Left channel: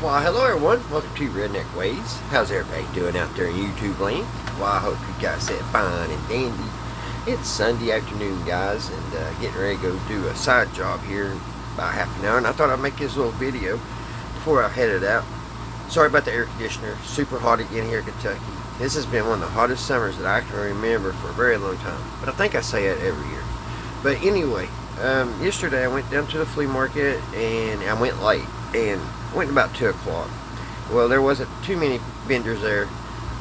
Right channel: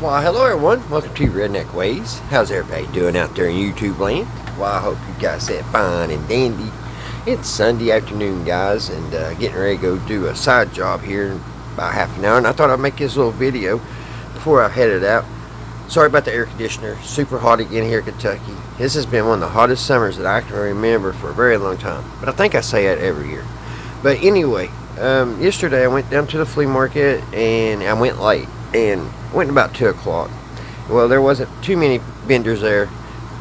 Well, hello everyone. Welcome to Redneck Ways. How's everybody doing out there in YouTube land? Well, I hope you guys said fine and dandy. It's Sunday afternoon, guys, and getting ready to go do a side job here in about half an hour. And I thought I'd make this little video before I headed out. Sorry about the air conditioner. Super hot again here in Kentucky. This has been one of the hottest summers that I can remember for a very long time. But I think I say it every year. But anyway, yesterday I went down to the flea market and I went late. And went about 2 o'clock. Well, there wasn't too many vendors there,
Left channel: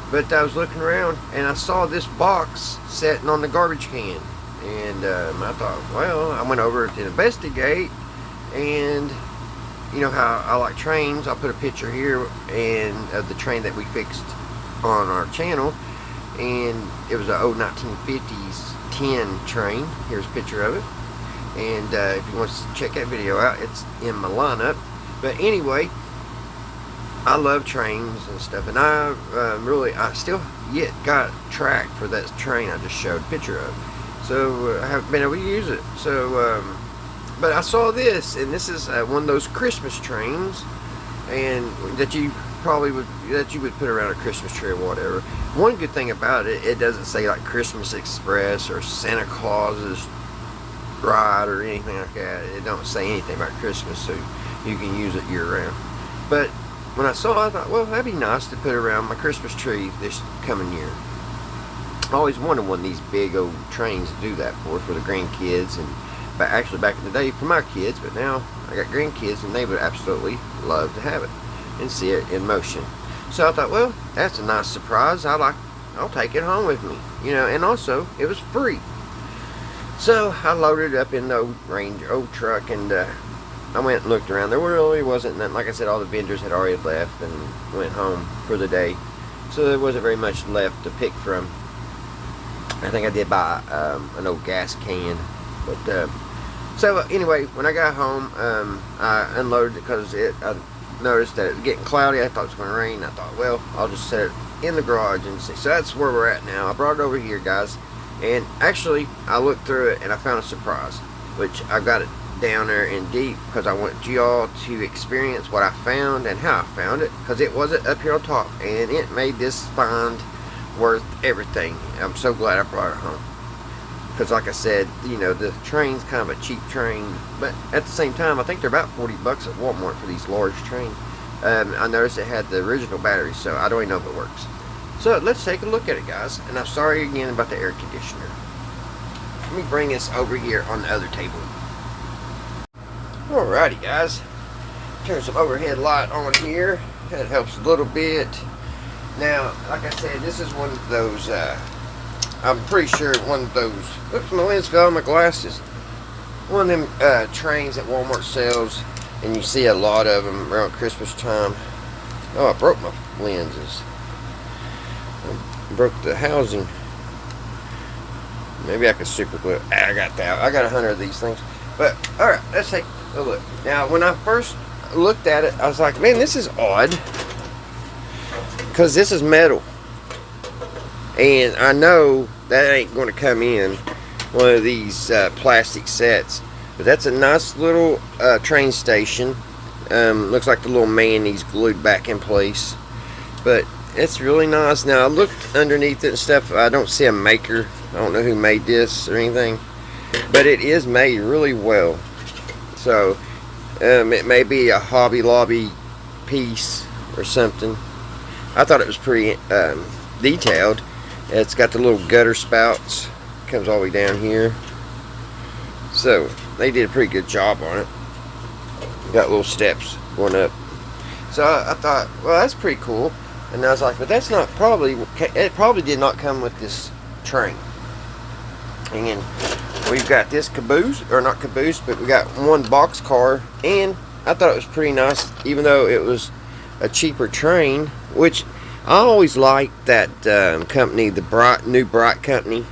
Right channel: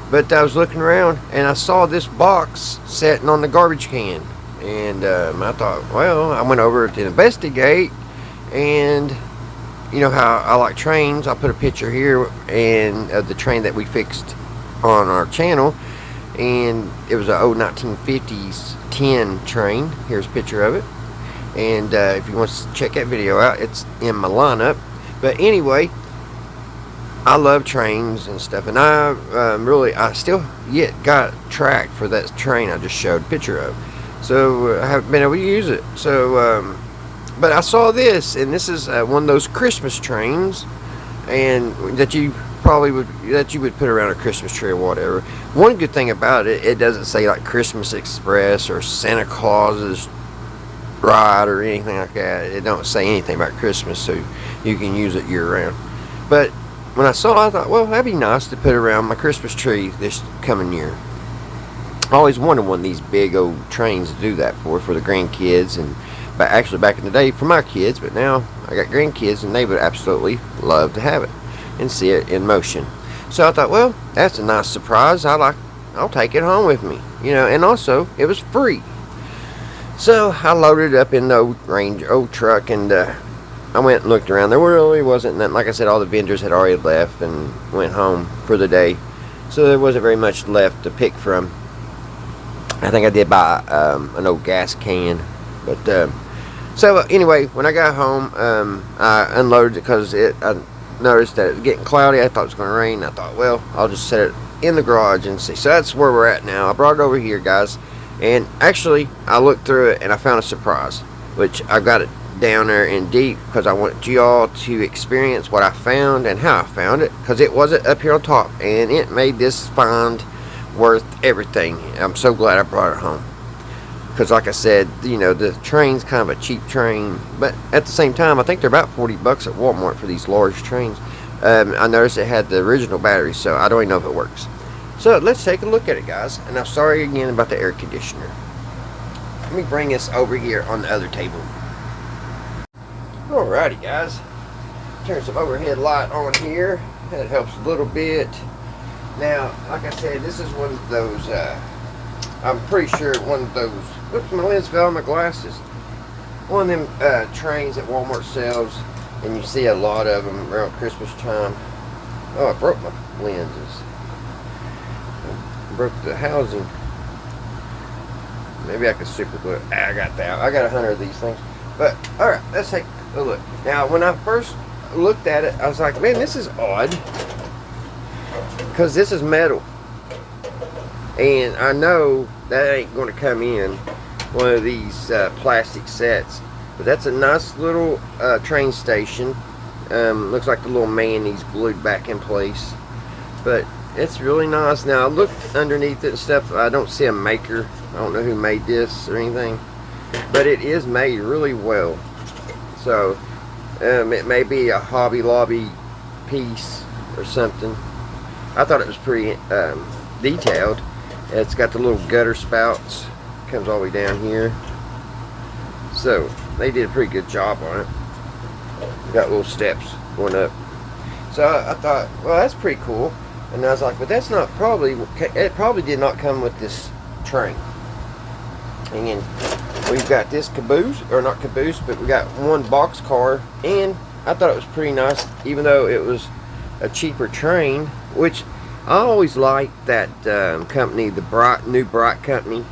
but I was looking around and I saw this box sitting on the garbage can, and I thought, well, I went over to investigate. And you know how I like trains. I put a picture here and of the train that we fixed on our channel, and it was an old 1950s tin train. Here's a picture of it, and if you want to check that video out, it's in my lineup. But anyway, I love trains and stuff, and I still yet got track for that train I just showed a picture of. So I haven't been able to use it. So, but I saw this, and this is one of those Christmas trains, and that you would put around a Christmas tree or whatever. One good thing about it, it doesn't say like Christmas Express or Santa Claus's ride or anything like that. It don't say anything about Christmas, so you can use it year round. But when I saw it, I thought, well, that'd be nice to put around my Christmas tree this coming year. I always wanted one of these big old trains to do that for the grandkids, and actually back in the day for my kids, but now I got grandkids and they would absolutely love to have it and see it in motion. So I thought, well, that's a nice surprise. I'll take it home with me, and also it was free. So I loaded it up in the old truck, and I went and looked around. There really wasn't nothing. Like I said, all the vendors had already left and went home for the day, so there wasn't very much left to pick from. I think I did buy an old gas can, but so anyway, when I got home, I unloaded it because I noticed that it was getting cloudy. I thought it was going to rain. I thought, well, I'll just set it in the garage and see. So that's where we're at now. I brought it over here, guys. And actually, I looked through it and I found a surprise, which I got it down there in deep because I want y'all to experience what I found and how I found it, because it wasn't up here on top, and it made this find worth everything. I'm so glad I brought it home, because like I said, the train's kind of a cheap train, but at the same time, I think they're about $40 at Walmart for these large trains. I noticed it had the original battery, so I don't even know if it works. So let's take a look at it, guys. And I'm sorry again about the air conditioner. Let me bring this over here on the other table. Alrighty, guys. Turn some overhead light on here. That helps a little bit. Now, like I said, this is one of those, I'm pretty sure one of those, oops, my lens fell on my glasses. One of them trains that Walmart sells, and you see a lot of them around Christmas time. Oh, I broke my lenses. Broke the housing. Maybe I could super glue it. I got that. I got 100 of these things. But alright, let's take a look. Now, when I first looked at it, I was like, man, this is odd, because this is metal, and I know that ain't going to come in one of these plastic sets. But that's a nice little train station. Looks like the little mayonnaise glued back in place, but it's really nice. Now, I looked underneath it and stuff. I don't see a maker. I don't know who made this or anything, but it is made really well. So it may be a Hobby Lobby piece or something. I thought it was pretty detailed. It's got the little gutter spouts. Comes all the way down here. So they did a pretty good job on it. Got little steps going up. So I thought, well, that's pretty cool. And I was like, but that's not it probably did not come with this train. And we've got this caboose, or not caboose, but we got one box car. And I thought it was pretty nice, even though it was a cheaper train, which I always liked that company, the new Bright company.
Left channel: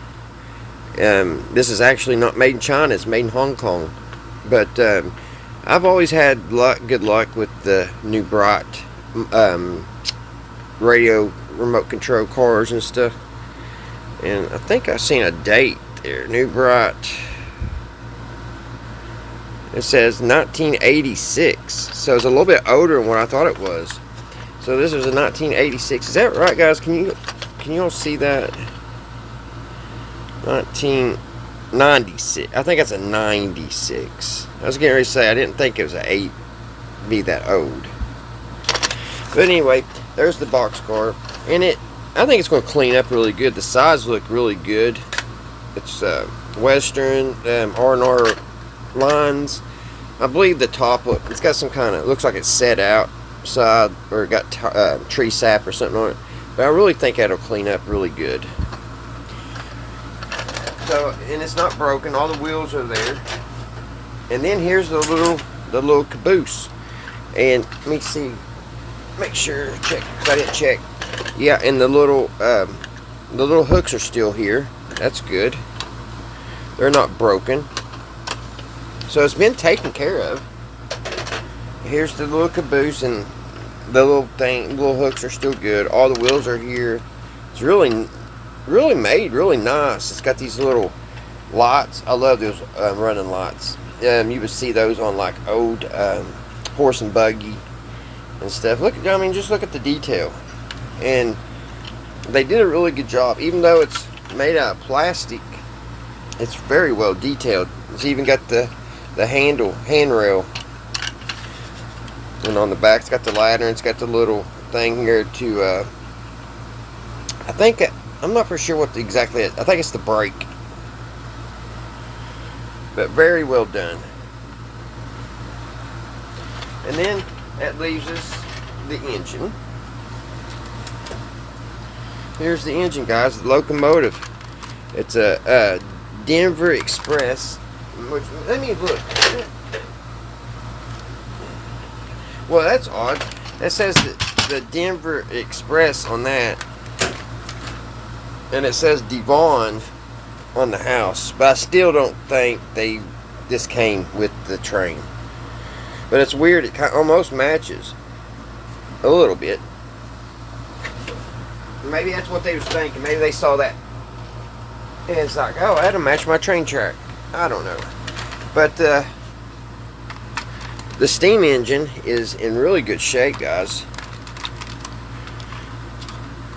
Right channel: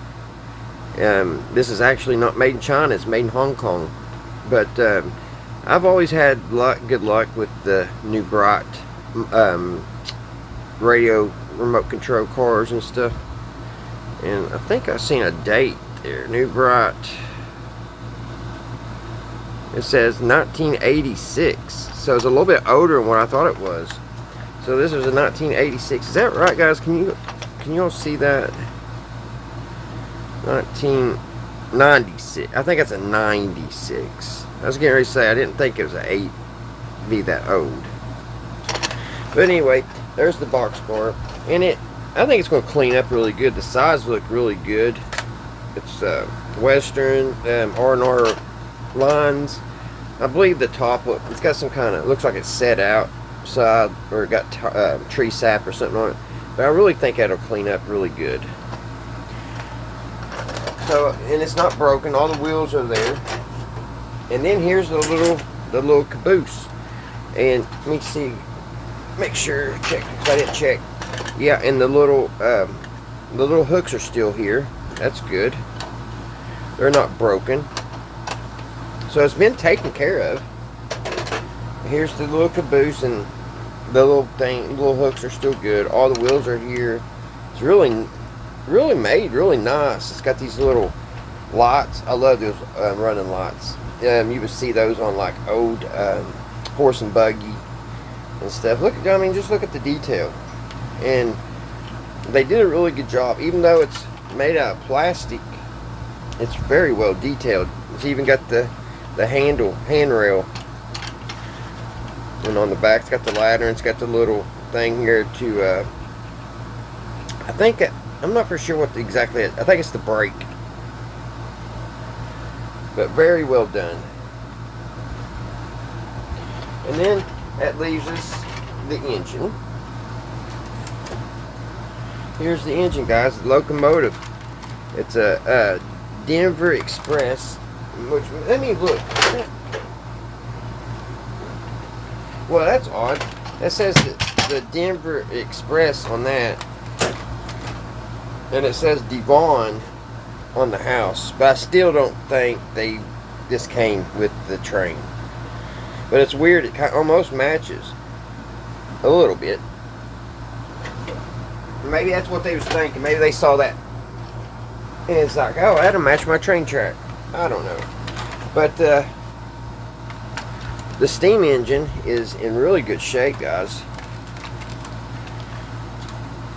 This is actually not made in China, it's made in Hong Kong. But I've always had good luck with the new Bright radio remote control cars and stuff. And I think I seen a date there. New Bright. It says 1986, so it's a little bit older than what I thought it was. So this was a 1986. Is that right, guys? Can you all see that? 1996. I think it's a 96. I was getting ready to say I didn't think it was an 8 be that old. But anyway, there's the boxcar, and I think it's going to clean up really good. The sides look really good. It's Western R&R lines. I believe the top it's got some kind of, looks like it's set out side, or it got tree sap or something on it. But I really think that'll clean up really good. So, and it's not broken. All the wheels are there. And then here's the little caboose. And let me see, make sure, check, I didn't check. Yeah, and the little hooks are still here. That's good. They're not broken. So it's been taken care of. Here's the little caboose, and the little hooks are still good. All the wheels are here. It's really made really nice. It's got these little lights. I love those running lights. You would see those on like old horse and buggy and stuff. Look, I mean, just look at the detail. And they did a really good job. Even though it's made out of plastic, it's very well detailed. It's even got the handrail. And on the back, it's got the ladder, and it's got the little thing here to, I'm not for sure what exactly it is. I think it's the brake. But very well done. And then that leaves us the engine. Here's the engine, guys. The locomotive. It's a Denver Express. Which, let me look. Well, that's odd. It says the Denver Express on that, and it says Devon on the house. But I still don't think this came with the train. But it's weird. It almost matches a little bit. Maybe that's what they was thinking. Maybe they saw that, and it's like, oh, that'll match my train track. I don't know. But the steam engine is in really good shape, guys.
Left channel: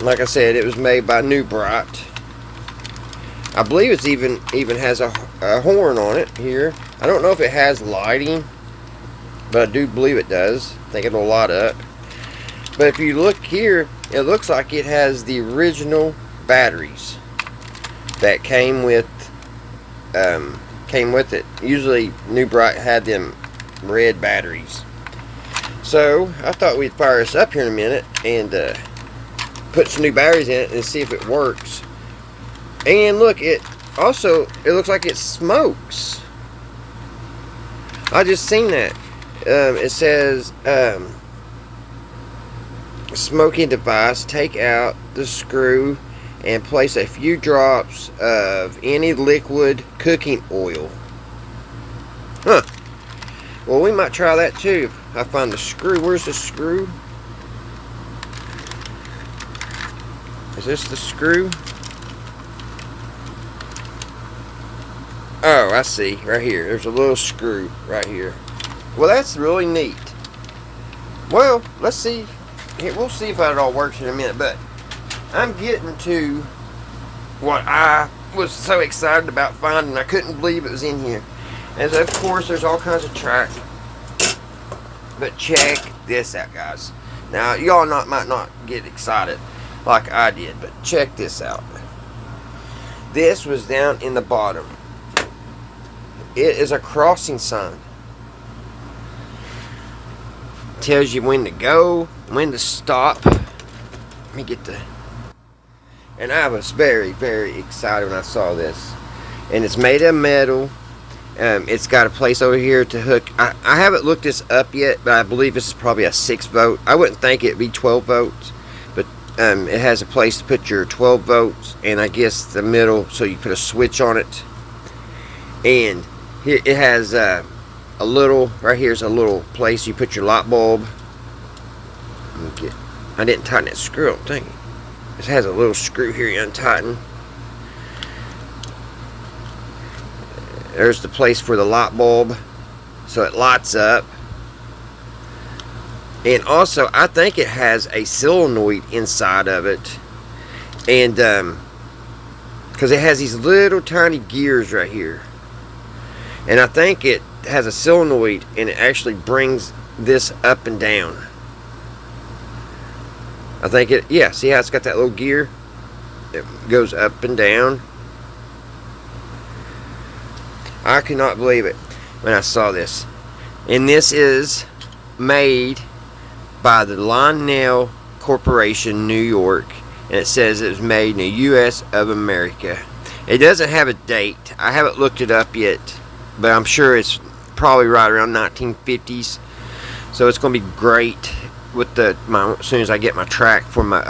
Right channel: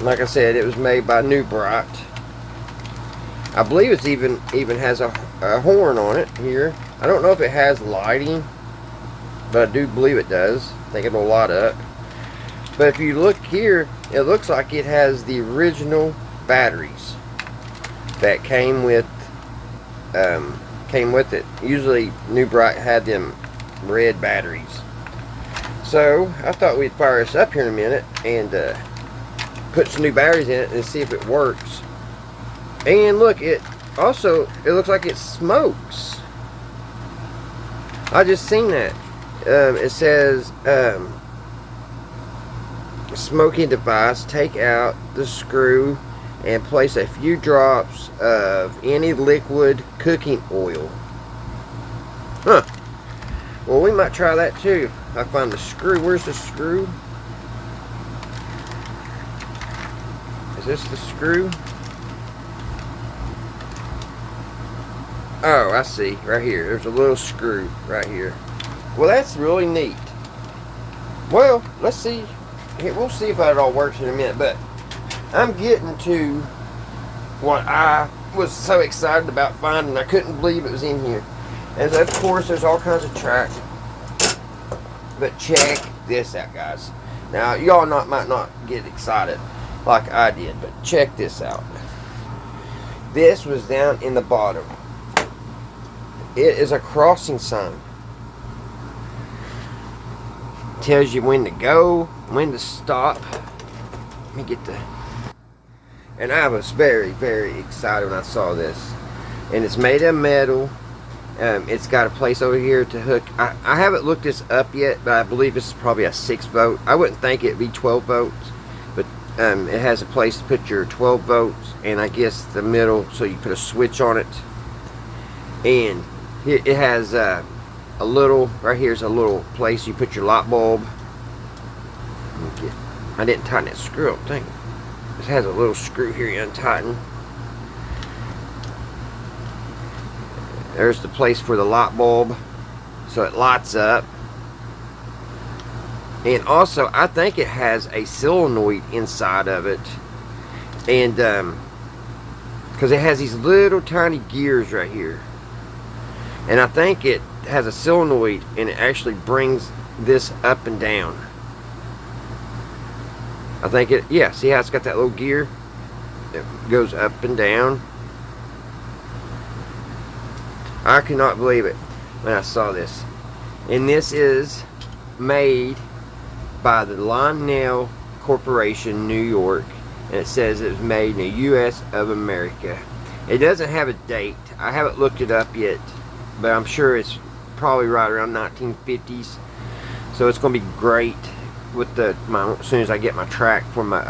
Like I said, it was made by New Bright. I believe it's even has a horn on it here. I don't know if it has lighting, but I do believe it does. I think it'll light up. But if you look here, it looks like it has the original batteries that came with it. Usually New Bright had them red batteries. So I thought we'd fire this up here in a minute and put some new batteries in it and see if it works. And look, it looks like it smokes. I just seen that. It says smoking device, take out the screw and place a few drops of any liquid cooking oil. Huh. Well, we might try that too. I find the screw. Where's the screw? Is this the screw? Oh, I see. Right here. There's a little screw right here. Well, that's really neat. Well, let's see. Here, we'll see if that all works in a minute. But I'm getting to what I was so excited about finding. I couldn't believe it was in here. And so, of course, there's all kinds of track. But check this out, guys. Now, y'all might not get excited like I did, but check this out. This was down in the bottom. It is a crossing sign. Tells you when to go, when to stop. Let me get the... And I was very, very excited when I saw this. And it's made of metal. It's got a place over here to hook. I haven't looked this up yet, but I believe this is probably a 6-volt. I wouldn't think it'd be 12 volts, but it has a place to put your 12 volts, and I guess the middle, so you put a switch on it. And here it has a little, right here's a little place you put your light bulb. I didn't tighten that screw, I don't think. It has a little screw here you untighten. There's the place for the light bulb. so it lights up. And also, I think it has a solenoid inside of it, and because it has these little tiny gears right here, and I think it has a solenoid, and it actually brings this up and down. I think it, yeah, see how it's got that little gear? It goes up and down. I cannot believe it when I saw this. And this is made by the Lionel Corporation, New York. And it says it was made in the U.S. of America. It doesn't have a date. I haven't looked it up yet, but I'm sure it's probably right around 1950s. So it's going to be great with as soon as I get my track for my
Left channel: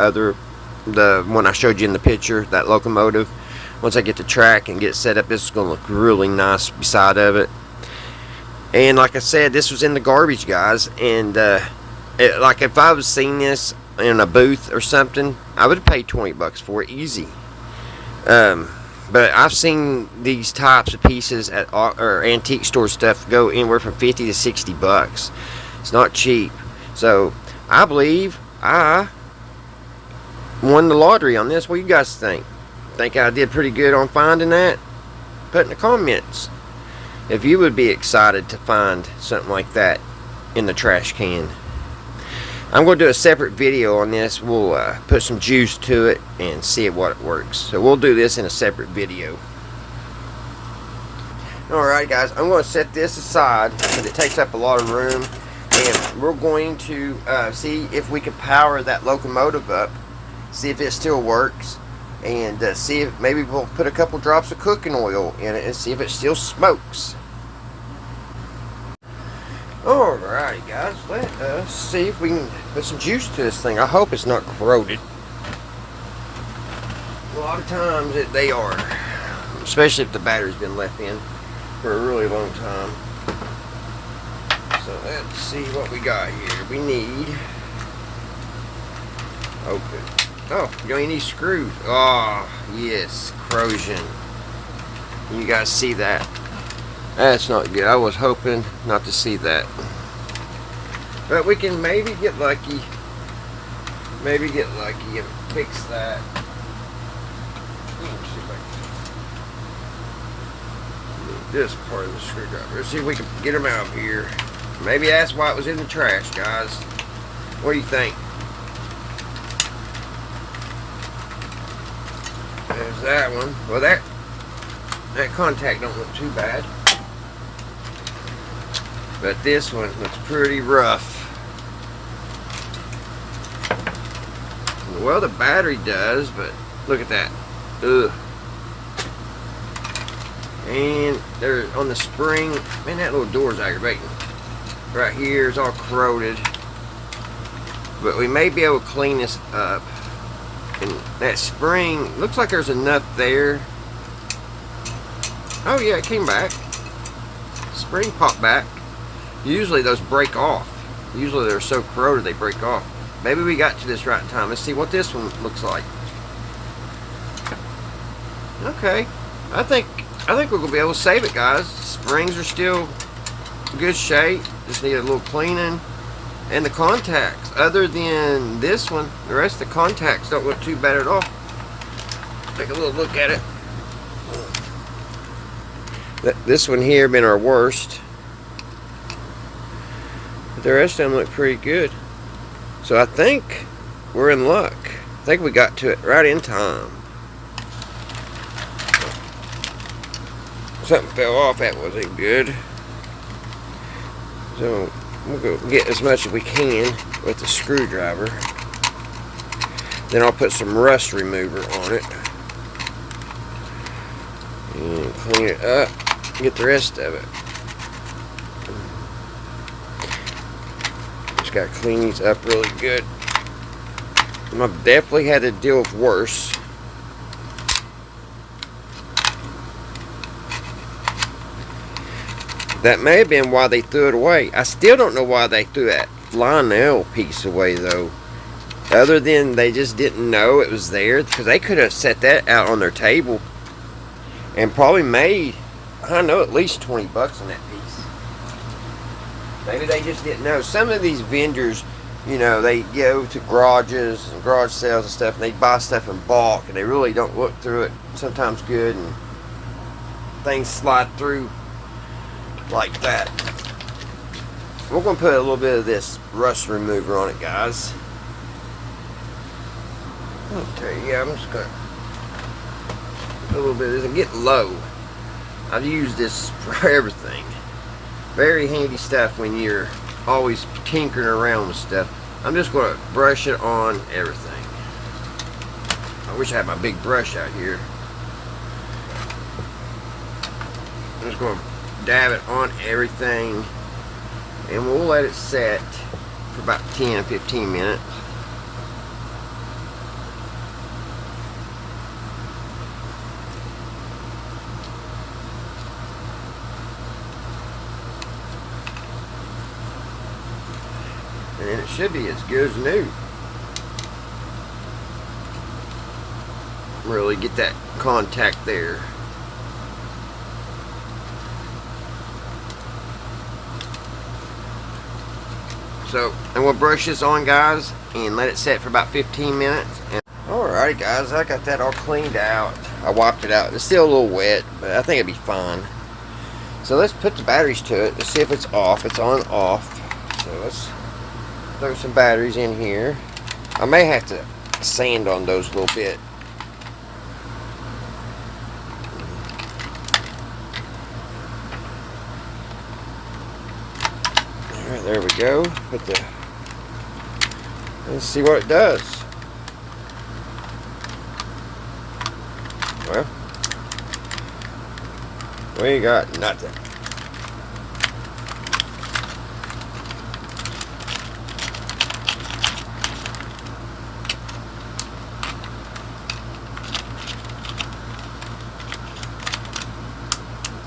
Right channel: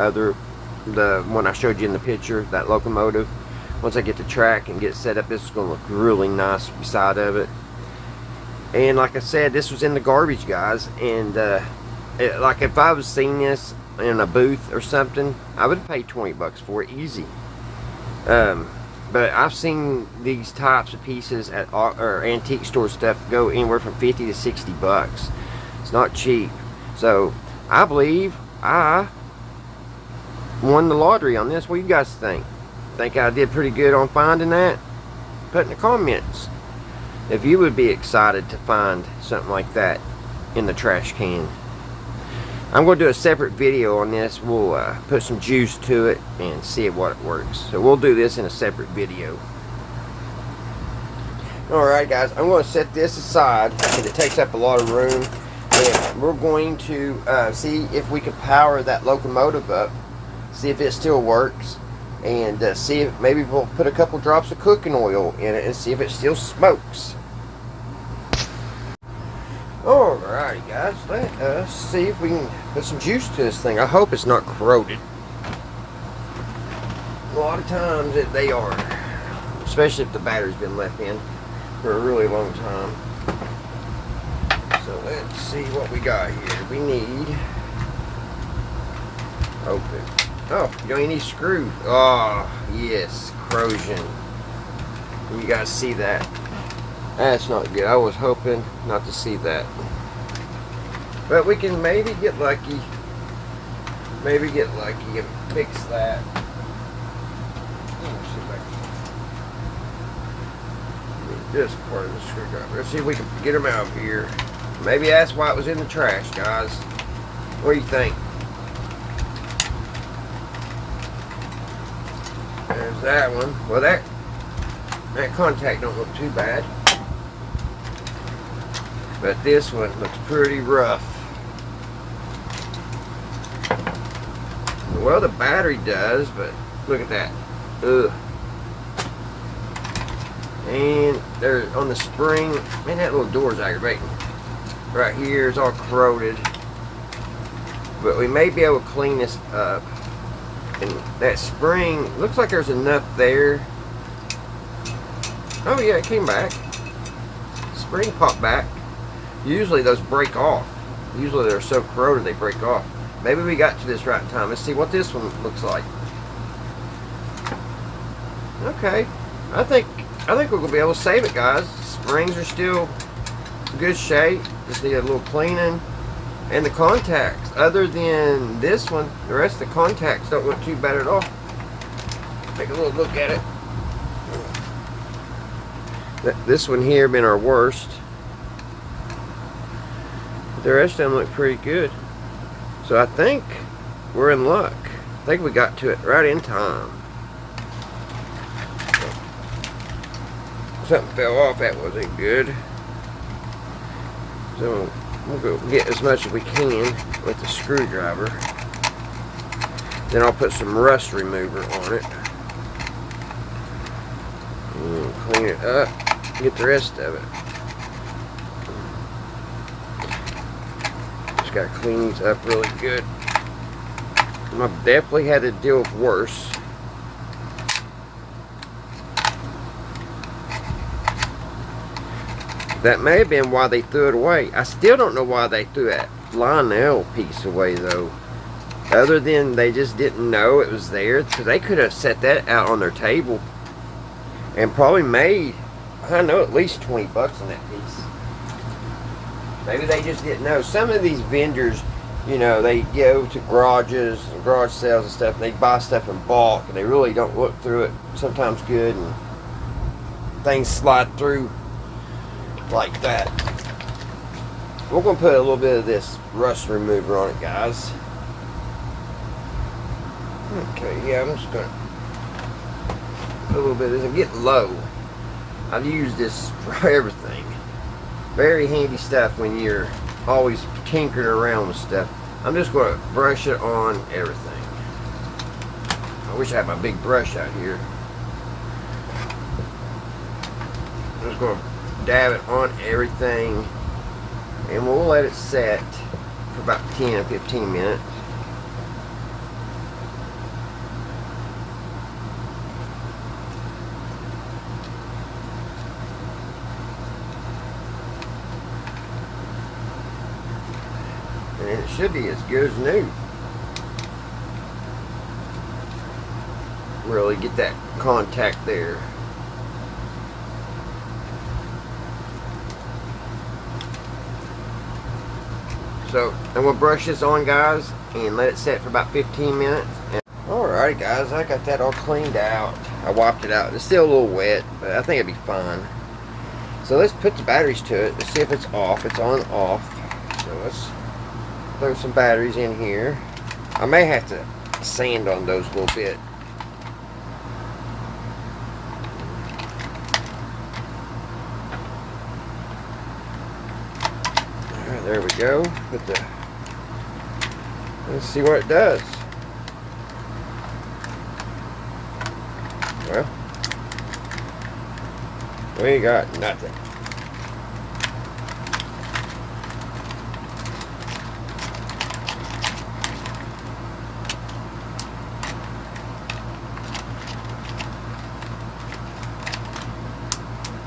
the one I showed you in the picture, that locomotive. Once I get the track and get it set up, this is going to look really nice beside of it. And like I said, this was in the garbage, guys. And like if I was seeing this in a booth or something, I would have paid 20 bucks for it, easy. But I've seen these types of pieces at or antique store stuff go anywhere from 50 to 60 bucks. It's not cheap. So I believe I won the lottery on this. What do you guys think? Think I did pretty good on finding that? Put in the comments if you would be excited to find something like that in the trash can. I'm going to do a separate video on this. We'll put some juice to it and see what it works. So we'll do this in a separate video. Alright guys, I'm going to set this aside because it takes up a lot of room. And we're going to see if we can power that locomotive up. See if it still works. And see if maybe we'll put a couple drops of cooking oil in it and see if it still smokes. Alright guys, let us see if we can put some juice to this thing. I hope it's not corroded. A lot of times they are, especially if the battery's been left in for a really long time. So let's see what we got here. We need, open. Oh, you don't need screws. Oh, yes, corrosion. You guys see that? That's not good. I was hoping not to see that. But we can maybe get lucky. Maybe get lucky and fix that. Let's see if I can need this part of the screwdriver. Let's see if we can get them out of here. Maybe that's why it was in the trash, guys. What do you think? There's that one. Well, that contact don't look too bad. But this one looks pretty rough. Well, the battery does, but look at that. Ugh. And there on the spring, man, that little door's aggravating. Right here is all corroded. But we may be able to clean this up. And that spring, looks like there's enough there. Oh yeah, it came back. Spring popped back. Usually those break off. Usually they're so corroded they break off. Maybe we got to this right in time. Let's see what this one looks like. Okay, I think we're gonna be able to save it, guys. Springs are still in good shape. Just need a little cleaning. And the contacts, other than this one, the rest of the contacts don't look too bad at all. Take a little look at it. This one here been our worst. But the rest of them look pretty good. So I think we're in luck. I think we got to it right in time. Something fell off, that wasn't good. So we'll go get as much as we can with the screwdriver. Then I'll put some rust remover on it. And clean it up. Get the rest of it. Just gotta clean these up really good. I've definitely had to deal with worse. That may have been why they threw it away. I still don't know why they threw that Lionel piece away, though. Other than they just didn't know it was there. Because they could have set that out on their table and probably made, I know, at least 20 bucks on that piece. Maybe they just didn't know. Some of these vendors, you know, they go to garages and garage sales and stuff, and they buy stuff in bulk, and they really don't look through it sometimes good, and things slide through like that. We're going to put a little bit of this rust remover on it, guys. Okay, yeah, I'm just going to put a little bit of this. I'm getting low. I've used this for everything. Very handy stuff when you're always tinkering around with stuff. I'm just going to brush it on everything. I wish I had my big brush out here. I'm just going to dab it on everything, and we'll let it set for about 10 or 15 minutes. And it should be as good as new. Really get that contact there. So, and we'll brush this on, guys, and let it set for about 15 minutes. Alrighty, guys, I got that all cleaned out. I wiped it out. It's still a little wet, but I think it'll be fine. So let's put the batteries to it. Let's see if it's off. It's on off. So let's throw some batteries in here. I may have to sand on those a little bit. Alright, there we go. Let's see what it does. Well, we got nothing.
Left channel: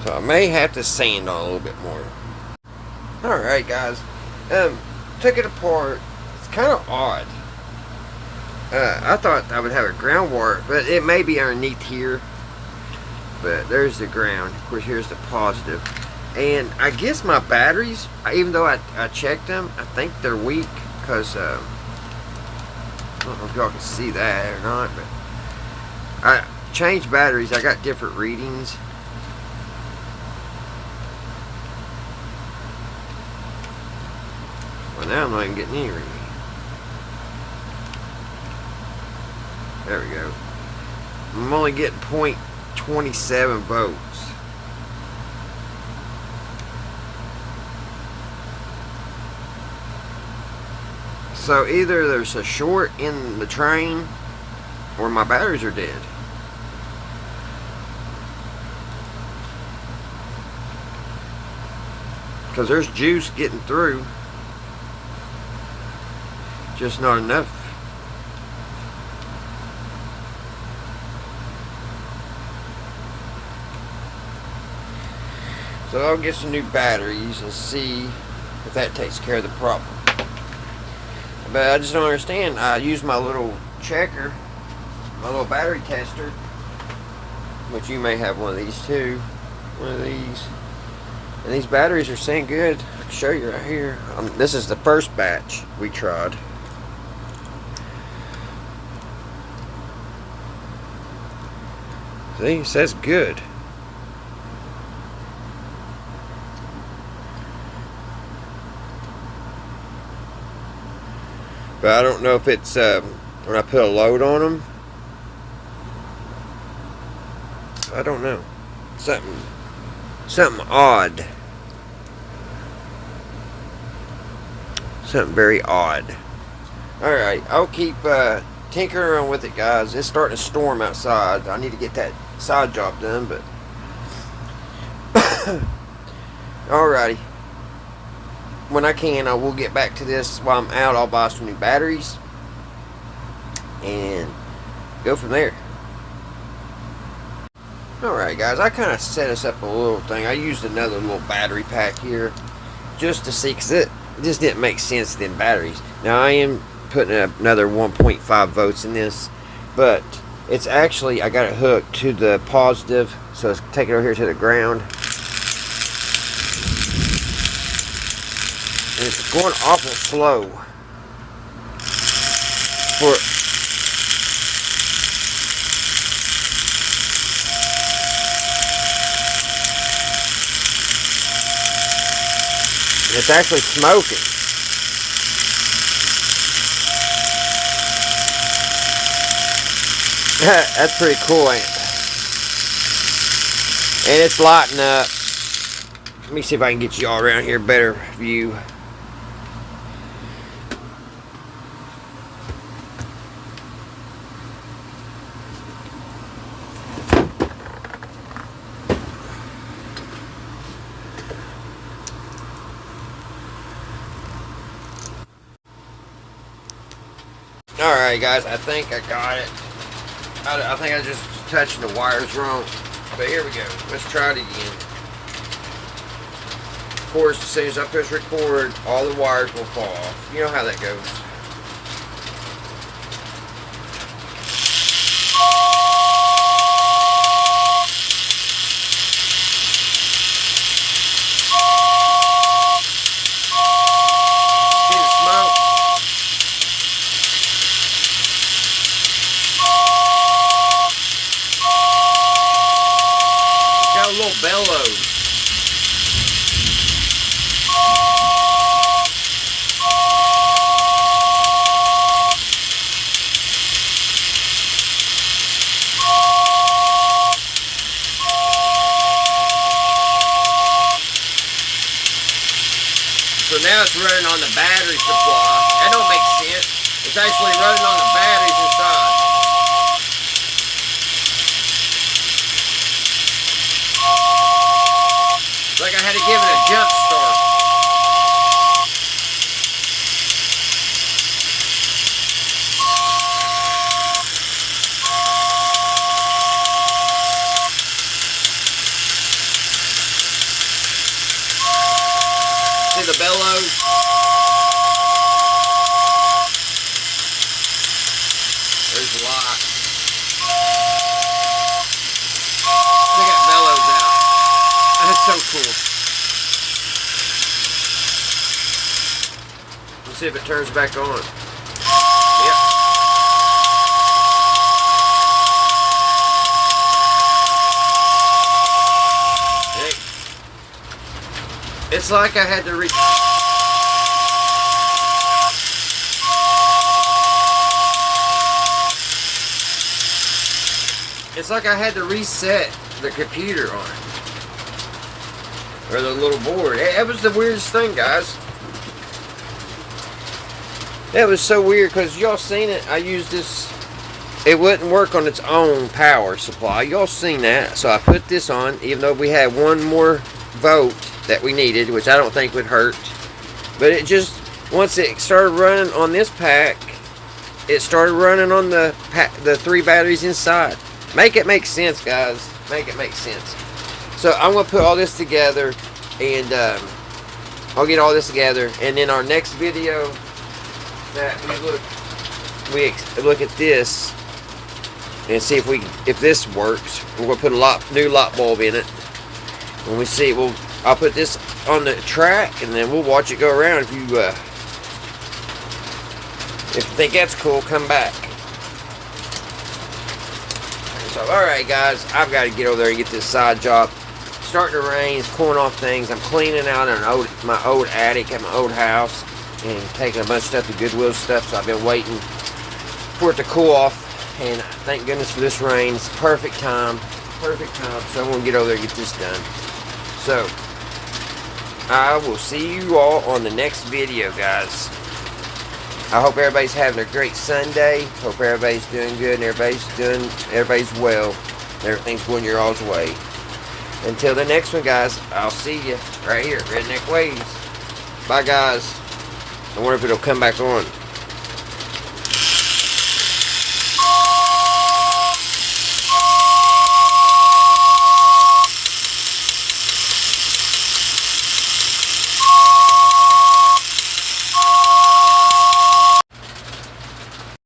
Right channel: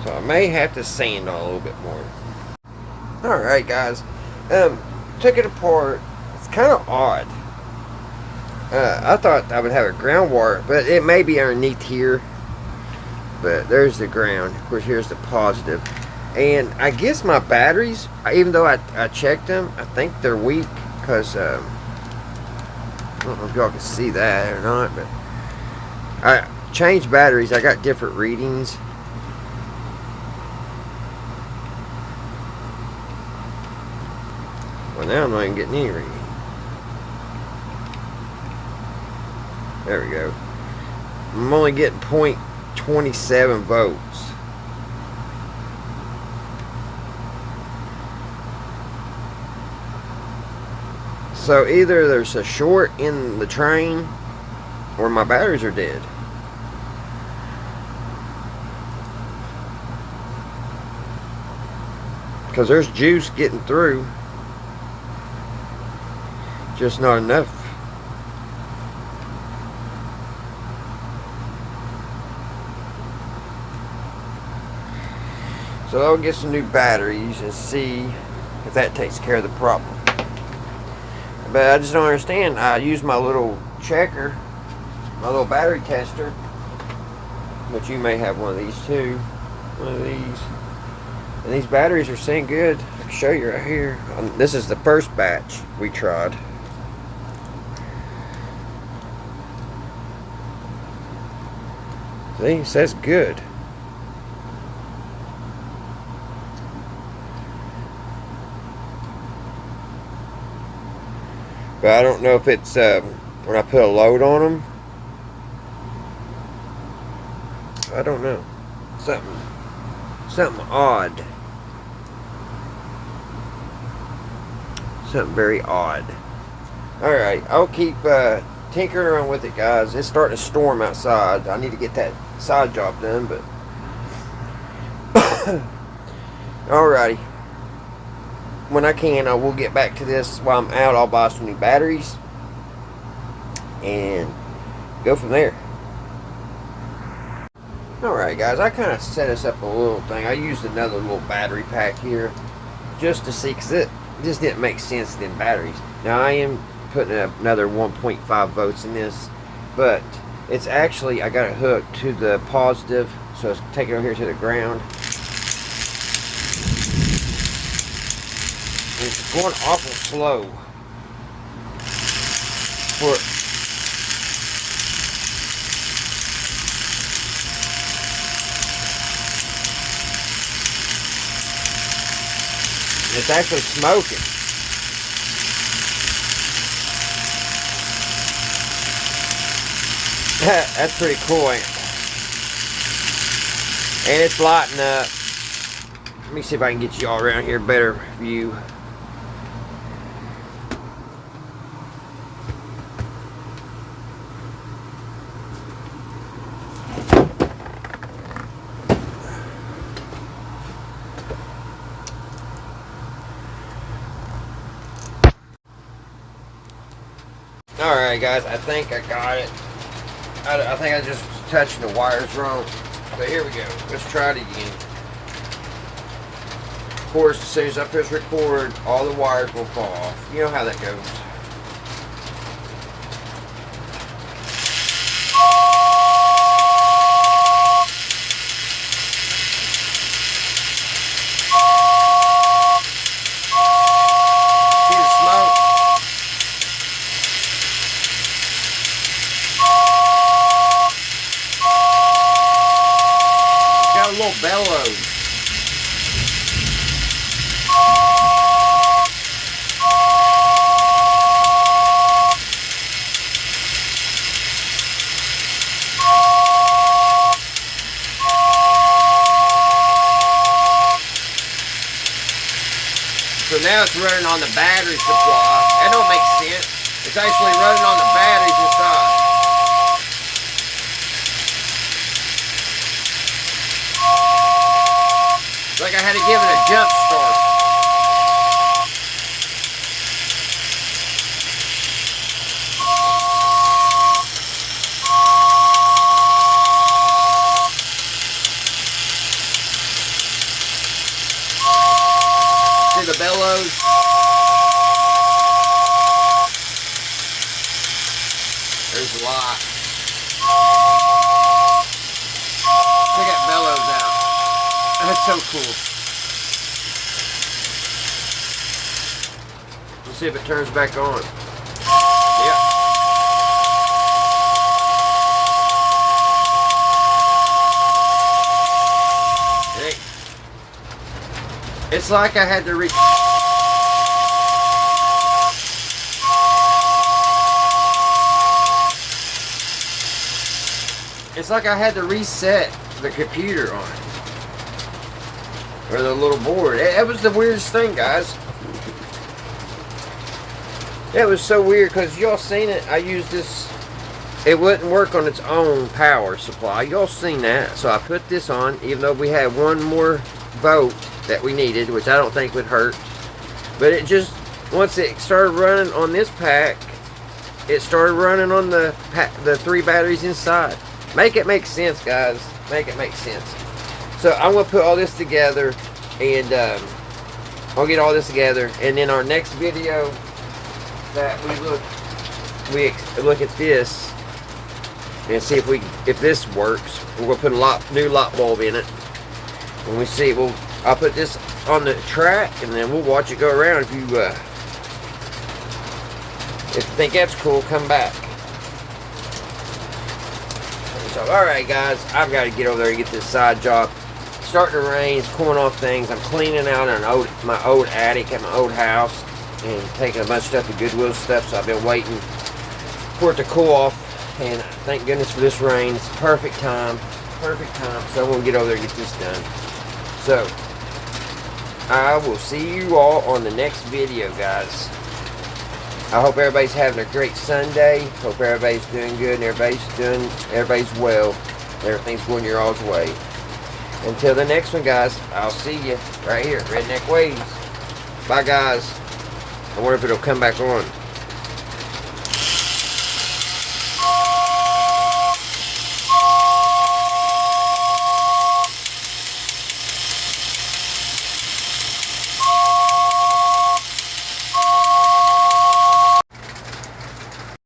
So I may have to sand on a little bit more. Alright, guys, took it apart. It's kind of odd. I thought I would have a ground wire, but it may be underneath here. But there's the ground. Of course, here's the positive. And I guess my batteries, even though I checked them, I think they're weak, because I don't know if y'all can see that or not, but I changed batteries. I got different readings. Well, now I'm not even getting any reading. There we go. I'm only getting 0.27 volts. So either there's a short in the train, or my batteries are dead. Because there's juice getting through. Just not enough. So I'll get some new batteries and see if that takes care of the problem. But I just don't understand. I use my little checker, my little battery tester, which you may have one of these too. One of these. And these batteries are saying good. I can show you right here. This is the first batch we tried. See, it says good. But I don't know if it's when I put a load on them. I don't know. Something odd. Something very odd. Alright, I'll keep tinkering around with it, guys. It's starting to storm outside. I need to get that side job done, but alrighty. When I can, I will get back to this. While I'm out, I'll buy some new batteries and go from there. Alright, guys, I kind of set us up a little thing. I used another little battery pack here just to see, because it just didn't make sense in batteries. Now, I am putting another 1.5 volts in this, but it's actually, I got it hooked to the positive, so let's take it over here to the ground. It's going awful slow. For it's actually smoking. That's pretty cool, ain't it? And it's lighting up. Let me see if I can get you all around here, better view. Alright guys, I think I got it. I think I just touched the wires wrong. But here we go. Let's try it again. Of course, as soon as I push record, all the wires will fall off. You know how that goes. See the smoke? It's got a little bellows. So now it's running on the battery supply. That don't make sense. It's actually running on the batteries inside. It's like I had to give it a jump start. See the bellows? There's a lot. Check that bellows out. That's so cool. Let's see if it turns back on. Yep. Hey. It's like I had to It's like I had to reset the computer on it. Or the little board. It was the weirdest thing, guys. That was so weird because y'all seen it. I used this. It wouldn't work on its own power supply. Y'all seen that. So I put this on, even though we had one more volt that we needed, which I don't think would hurt. But it just, once it started running on this pack, it started running on the 3 batteries inside. Make it make sense, guys. Make it make sense. So I'm going to put all this together, and I'll get all this together, and then our next video that we look at this and see if this works. We're going to put a new light bulb in it, and we see. I'll put this on the track, and then we'll watch it go around. If you think that's cool, come back. So, alright guys, I've got to get over there and get this side job. It's starting to rain, it's cooling off things. I'm cleaning out my old attic at my old house and taking a bunch of stuff to Goodwill stuff, so I've been waiting for it to cool off, and thank goodness for this rain. It's perfect time, so I'm going to get over there and get this done. So, I will see you all on the next video, guys. I hope everybody's having a great Sunday. Hope everybody's doing good and everybody's well. Everything's going your all's way. Until the next one, guys, I'll see you right here, Redneck Ways. Bye, guys. I wonder if it'll come back on.